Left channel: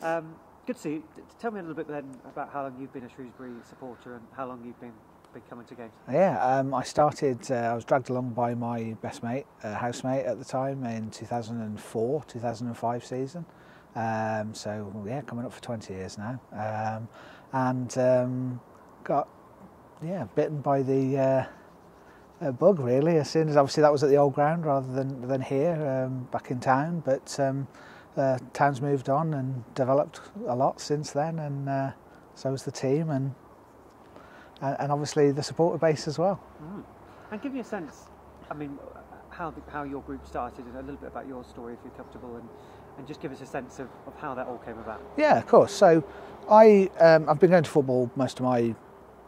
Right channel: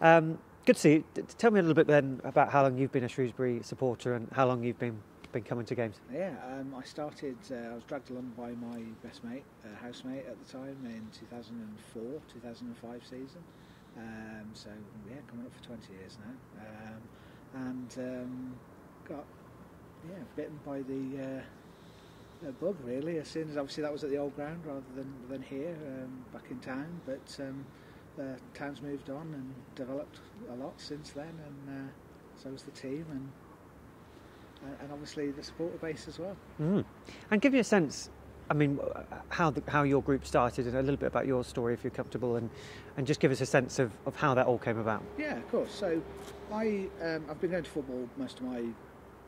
Good to see you. Tell me a little bit then about how long you've been a Shrewsbury supporter and how long you've been coming to games. Yeah, I started, I was dragged along by my best mate, housemate at the time in 2004, 2005 season. So yeah, coming up for 20 years now. Got bitten by the bug really as soon as, obviously that was at the old ground rather than here, back in town, but town's moved on and developed a lot since then, and so has the team and obviously the supporter base as well. And give me a sense, I mean, how your group started and a little bit about your story if you're comfortable, and just give us a sense of how that all came about. Yeah, of course. So I've been going to football most of my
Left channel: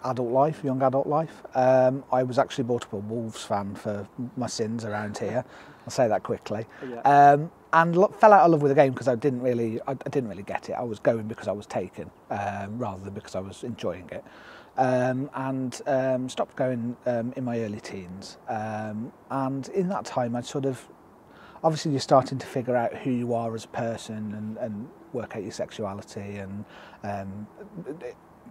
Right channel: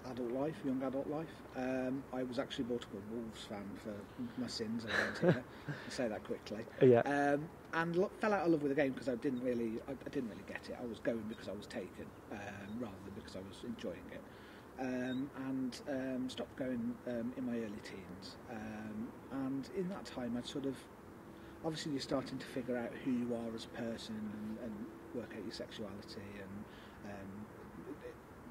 adult life, young adult life. I was actually brought up a Wolves fan for my sins around here. I'll say that quickly. Yeah. And fell out of love with the game because I didn't really get it. I was going because I was taken, rather than because I was enjoying it. Stopped going in my early teens. And in that time, I'd sort of, obviously you're starting to figure out who you are as a person and work out your sexuality and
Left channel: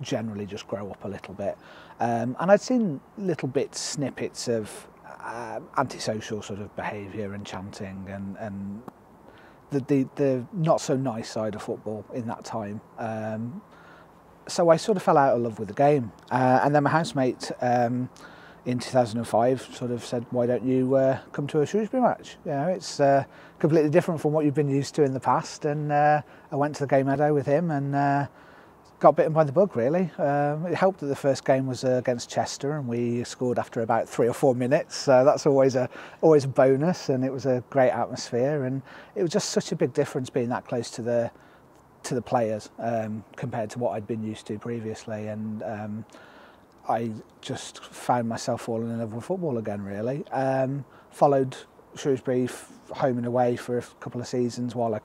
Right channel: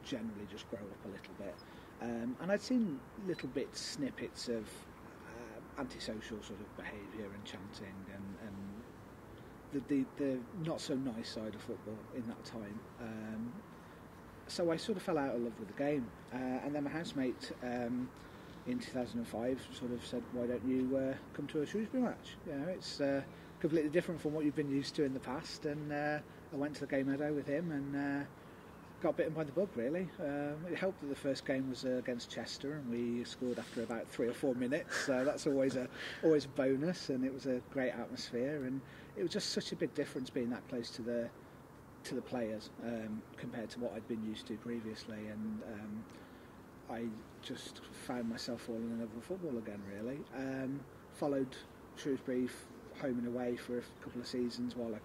generally just grow up a little bit. And I'd seen little bits, snippets of antisocial sort of behaviour and chanting and the not so nice side of football in that time. So I sort of fell out of love with the game. And then my housemate in 2005 sort of said, why don't you come to a Shrewsbury match? You know, it's completely different from what you've been used to in the past. And I went to the game meadow with him and got bitten by the bug really. It helped that the first game was against Chester and we scored after about 3 or 4 minutes. So that's always a bonus, and it was a great atmosphere, and it was just such a big difference being that close to the players compared to what I'd been used to previously, and I just found myself falling in love with football again really. Followed Shrewsbury home and away for a couple of seasons while I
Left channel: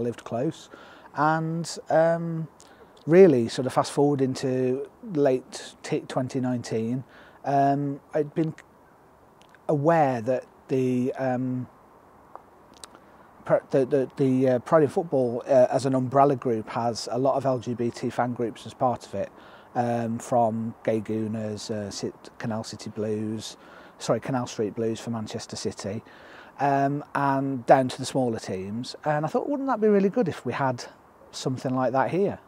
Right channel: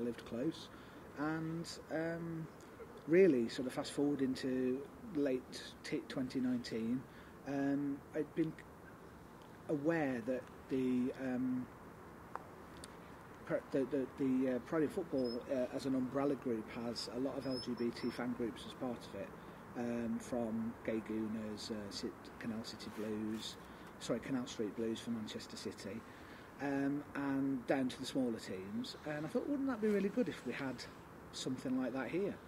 lived close, and really sort of fast forward into late 2019, I'd been aware that the Pride in Football as an umbrella group has a lot of LGBT fan groups as part of it, from Gay Gooners, Canal Street Blues for Manchester City, and down to the smaller teams. And I thought, wouldn't that be really good if we had something like that here?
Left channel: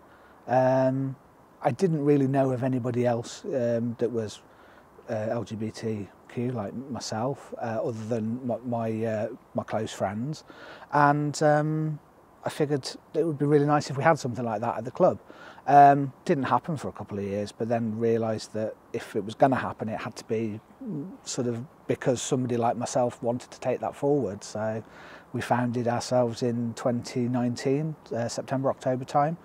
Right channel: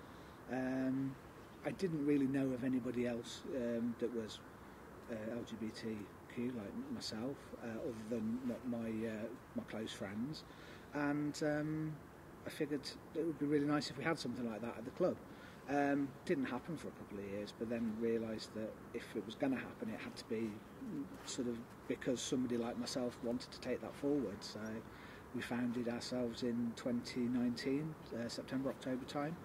I didn't really know of anybody else that was LGBTQ like myself, other than my close friends, and I figured it would be really nice if we had something like that at the club. Didn't happen for a couple of years, but then realised that if it was going to happen, it had to be sort of because somebody like myself wanted to take that forward. So we founded ourselves in 2019, September, October time.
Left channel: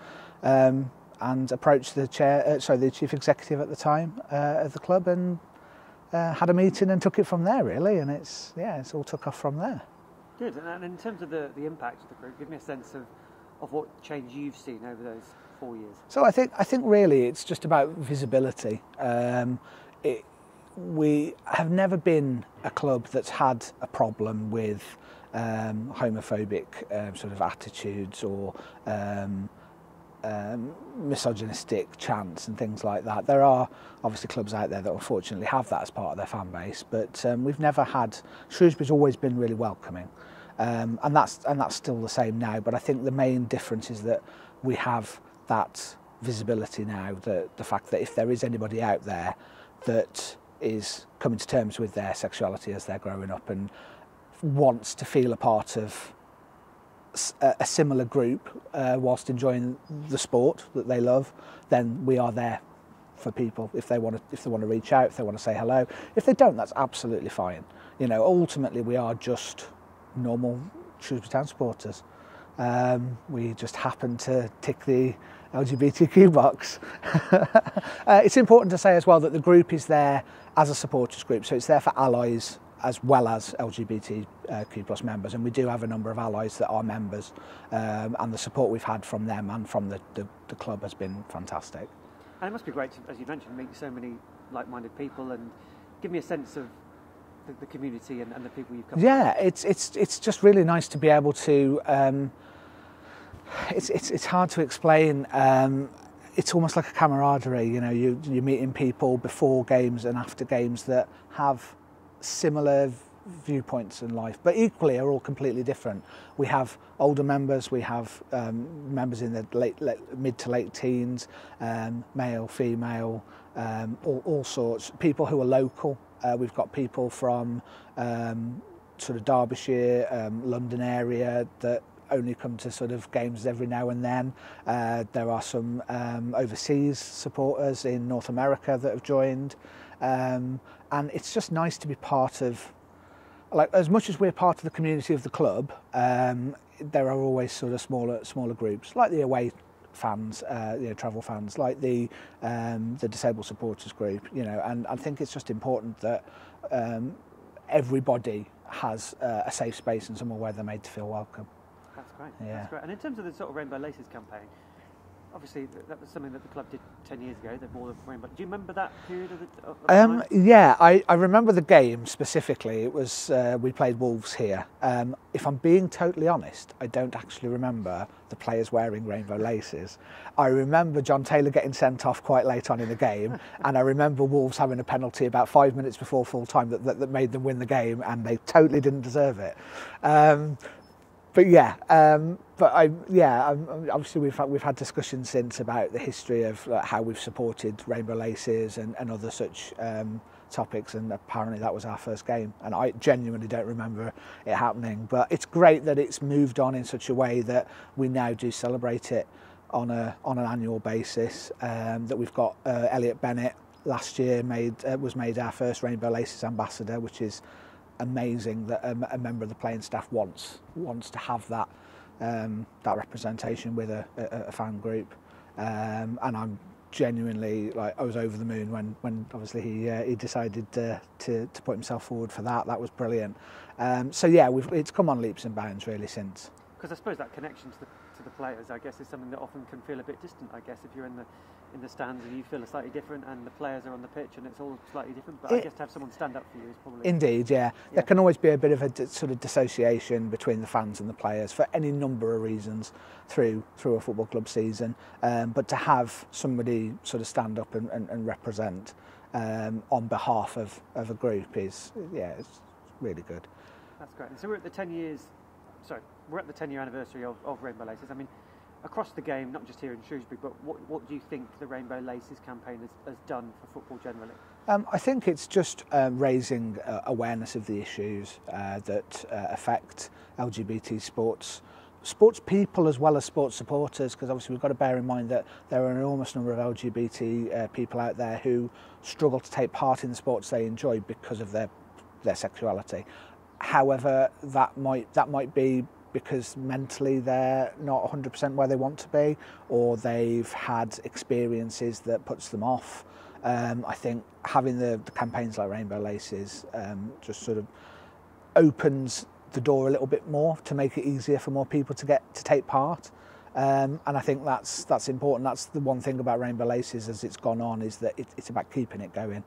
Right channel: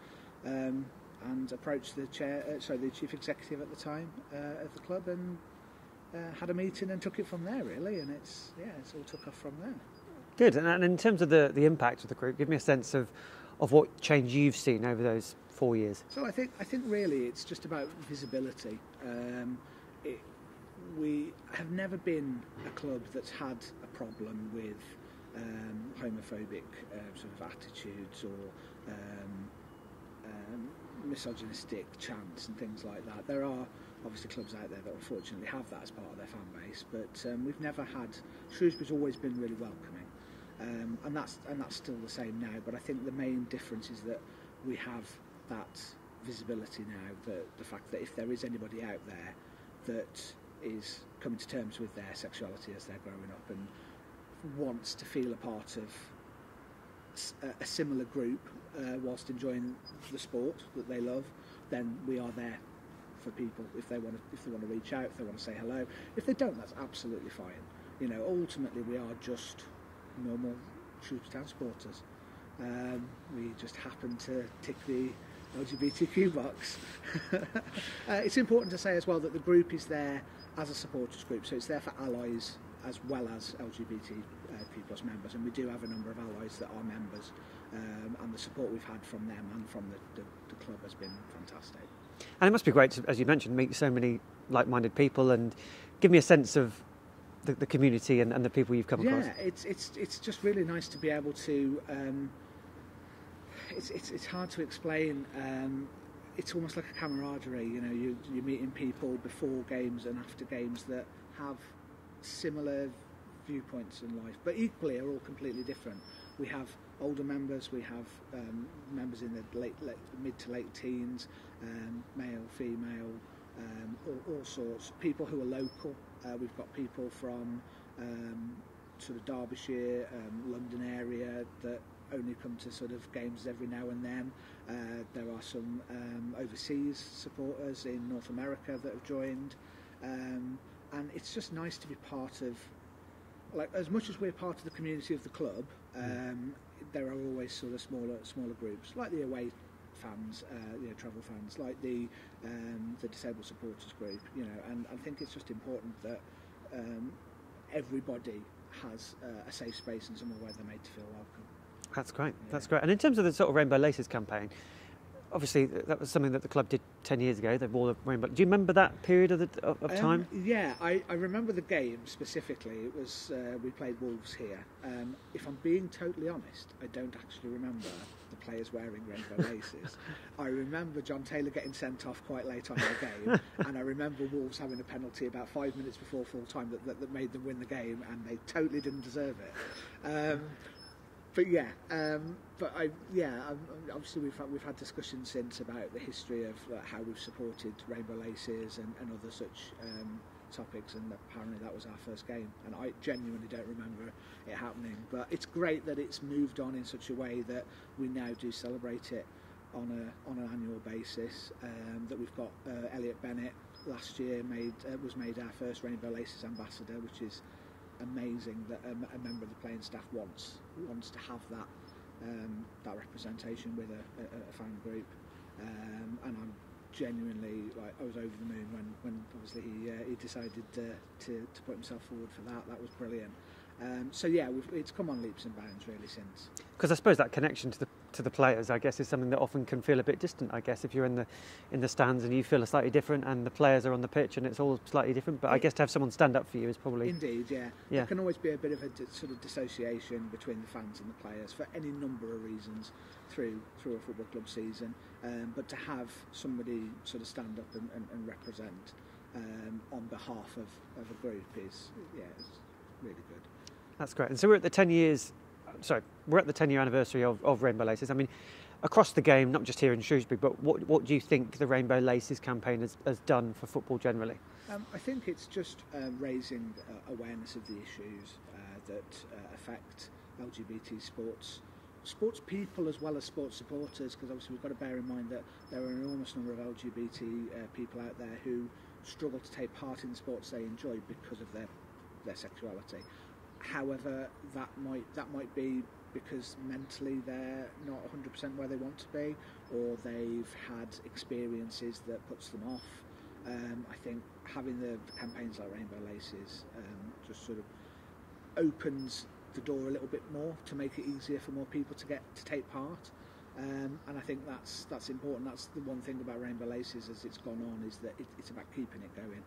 And approached the chief executive at the time of the club, and had a meeting and took it from there really. And it's all took off from there. Good. And in terms of the impact of the group, give me a sense of what change you've seen over those 4 years. So I think really it's just about visibility. We have never been a club that's had a problem with homophobic sort of attitudes or misogynistic chants and things like that. There are obviously clubs out there that unfortunately have that as part of their fan base, but we've never had. Shrewsbury's always been really welcoming, and that's still the same now. But I think the main difference is that we have that visibility now. The fact that if there is anybody out there that is coming to terms with their sexuality as they're growing up and wants to feel a part of a similar group whilst enjoying the sport that they love, then we are there for people if they want to reach out, if they want to say hello. If they don't, that's absolutely fine. You know, ultimately we are just normal Shrewsbury Town supporters. We just happen to tick the LGBTQ box. It's important to say as well that the group is there as a supporters group, so it's there for allies as well as LGBTQ plus members, and we do have a number of allies that are members, and the support we've had from them and from the club has been fantastic. And it must be great to, as you mentioned, meet so many like-minded people, and give me a sense of the community and the people you've come across. Yeah, it's just really nice to be able to It's hard to explain. It's almost like a camaraderie. You know, you're meeting people before games and after games that have similar viewpoints in life, but equally are all completely different. We have older members, we have members in the mid to late teens, male, female, all sorts. People who are local. We've got people from sort of Derbyshire, London area that only come to sort of games every now and then. There are some overseas supporters in North America that have joined, and it's just nice to be part of, like, as much as we're part of the community of the club, there are always sort of smaller groups, like the away fans, travel fans, like the disabled supporters group, you know, and I think it's just important that everybody has a safe space and somewhere where they're made to feel welcome. That's great. Yeah. That's great. And in terms of the sort of Rainbow Laces campaign, obviously that was something that the club did 10 years ago. They wore the rainbow. Do you remember that period of time? Yeah, I remember the game specifically. It was we played Wolves here. If I'm being totally honest, I don't actually remember the players wearing rainbow laces. I remember John Taylor getting sent off quite late on in the game, and I remember Wolves having a penalty about 5 minutes before full time that made them win the game, and they totally didn't deserve it. Obviously we've had discussions since about the history of how we've supported rainbow laces and other such topics, and apparently that was our first game, and I genuinely don't remember it happening. But it's great that it's moved on in such a way that we now do celebrate it on an annual basis. That we've got Elliot Bennett last year was made our first Rainbow Laces ambassador, which is amazing that a member of the playing staff wants to have that representation with a fan group, and I'm genuinely, like, I was over the moon when obviously he decided to put himself forward for that. That was brilliant. So yeah, it's come on leaps and bounds really since. Because I suppose that connection to the players, I guess, is something that often can feel a bit distant. I guess if you're in the stands and you feel slightly different, and the players are on the pitch and it's all slightly different. But I guess to have someone stand up for you is probably indeed, yeah. There can always be a bit of a sort of dissociation between the fans and the players for any number of reasons through a football club season. But to have somebody sort of stand up and represent on behalf of a group is, it's really good. That's great. And so we're at the 10-year anniversary of Rainbow Laces. I mean, across the game, not just here in Shrewsbury, but what do you think the Rainbow Laces campaign has done for football generally? I think it's just raising awareness of the issues that affect LGBT sports people as well as sports supporters, because obviously we've got to bear in mind that there are an enormous number of LGBT people out there who struggle to take part in the sports they enjoy because of their sexuality. However, that might be because mentally they're not 100% where they want to be, or they've had experiences that puts them off. I think having the campaigns like Rainbow Laces just sort of opens the door a little bit more to make it easier for more people to take part. And I think that's important. That's the one thing about Rainbow Laces as it's gone on, is that it's about keeping it going.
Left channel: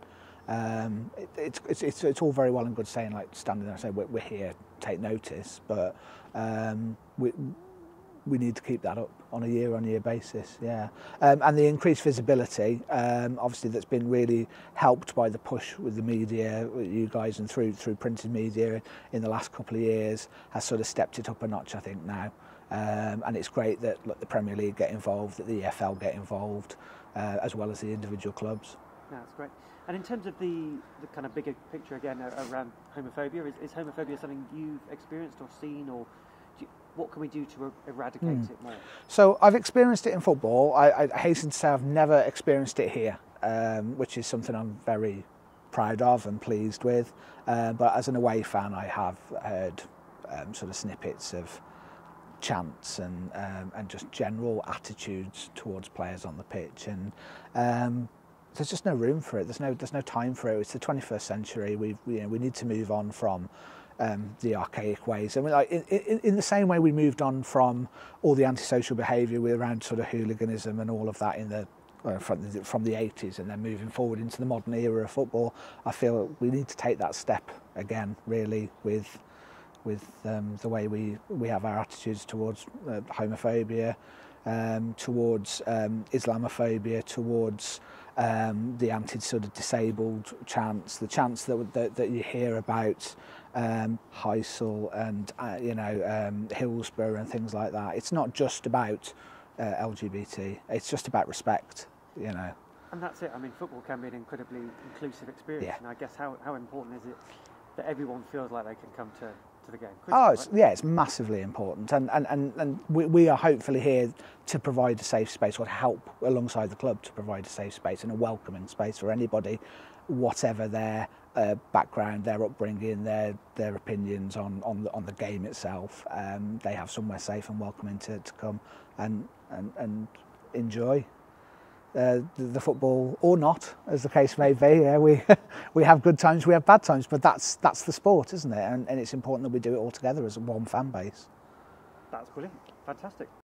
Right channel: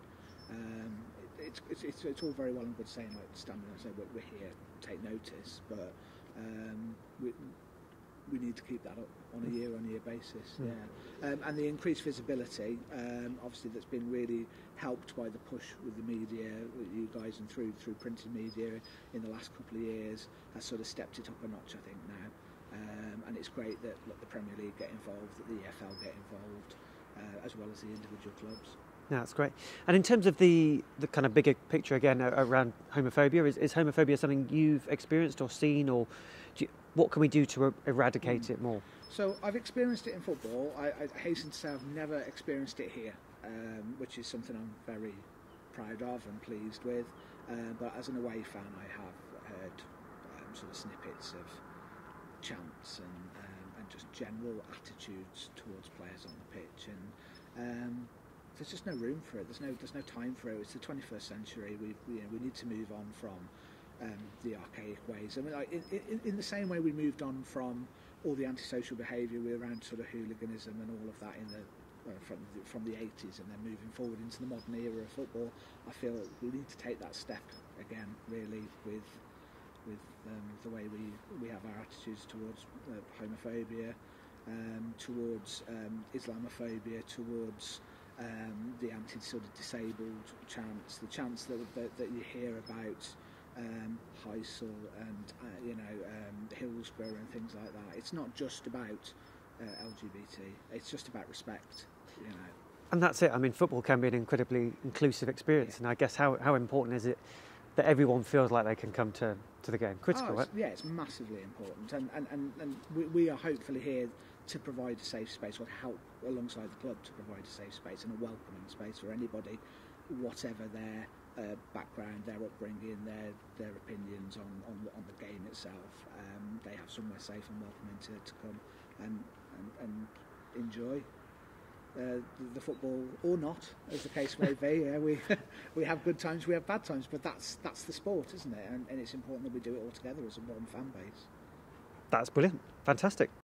It's all very well and good saying, like, standing there and saying we're here, take notice, but we need to keep that up on a year-on-year basis, and the increased visibility, obviously that's been really helped by the push with the media, with you guys, and through printed media in the last couple of years, has sort of stepped it up a notch, I think, now. And it's great that the Premier League get involved, that the EFL get involved, as well as the individual clubs. No, that's great. And in terms of the kind of bigger picture again around homophobia, is homophobia something you've experienced or seen, or what can we do to eradicate it more? So I've experienced it in football. I hasten to say I've never experienced it here, which is something I'm very proud of and pleased with. But as an away fan, I have heard sort of snippets of chants and just general attitudes towards players on the pitch, and there's just no room for it. There's no time for it. It's the 21st century. We need to move on from the archaic ways. I mean, like in the same way we moved on from all the antisocial behaviour around sort of hooliganism and all of that from the 80s, and then moving forward into the modern era of football. I feel we need to take that step again, really, with with the way we have our attitudes towards homophobia, towards Islamophobia, towards the anti sort of disabled chants, the chants that you hear about Heysel and Hillsborough and things like that. It's not just about LGBT. It's just about respect, you know. And that's it. I mean, football can be an incredibly inclusive experience, and I guess how important is it that everyone feels like they can come to the game? Critical, right? It's massively important, and we are hopefully here to provide a safe space, or to help alongside the club to provide a safe space and a welcoming space for anybody, whatever their background, their upbringing, their opinions on the game itself. They have somewhere safe and welcoming to come and enjoy the football, or not, as the case may be. Yeah, we have good times, we have bad times, but that's the sport, isn't it? And it's important that we do it all together as one fan base. That's brilliant, fantastic.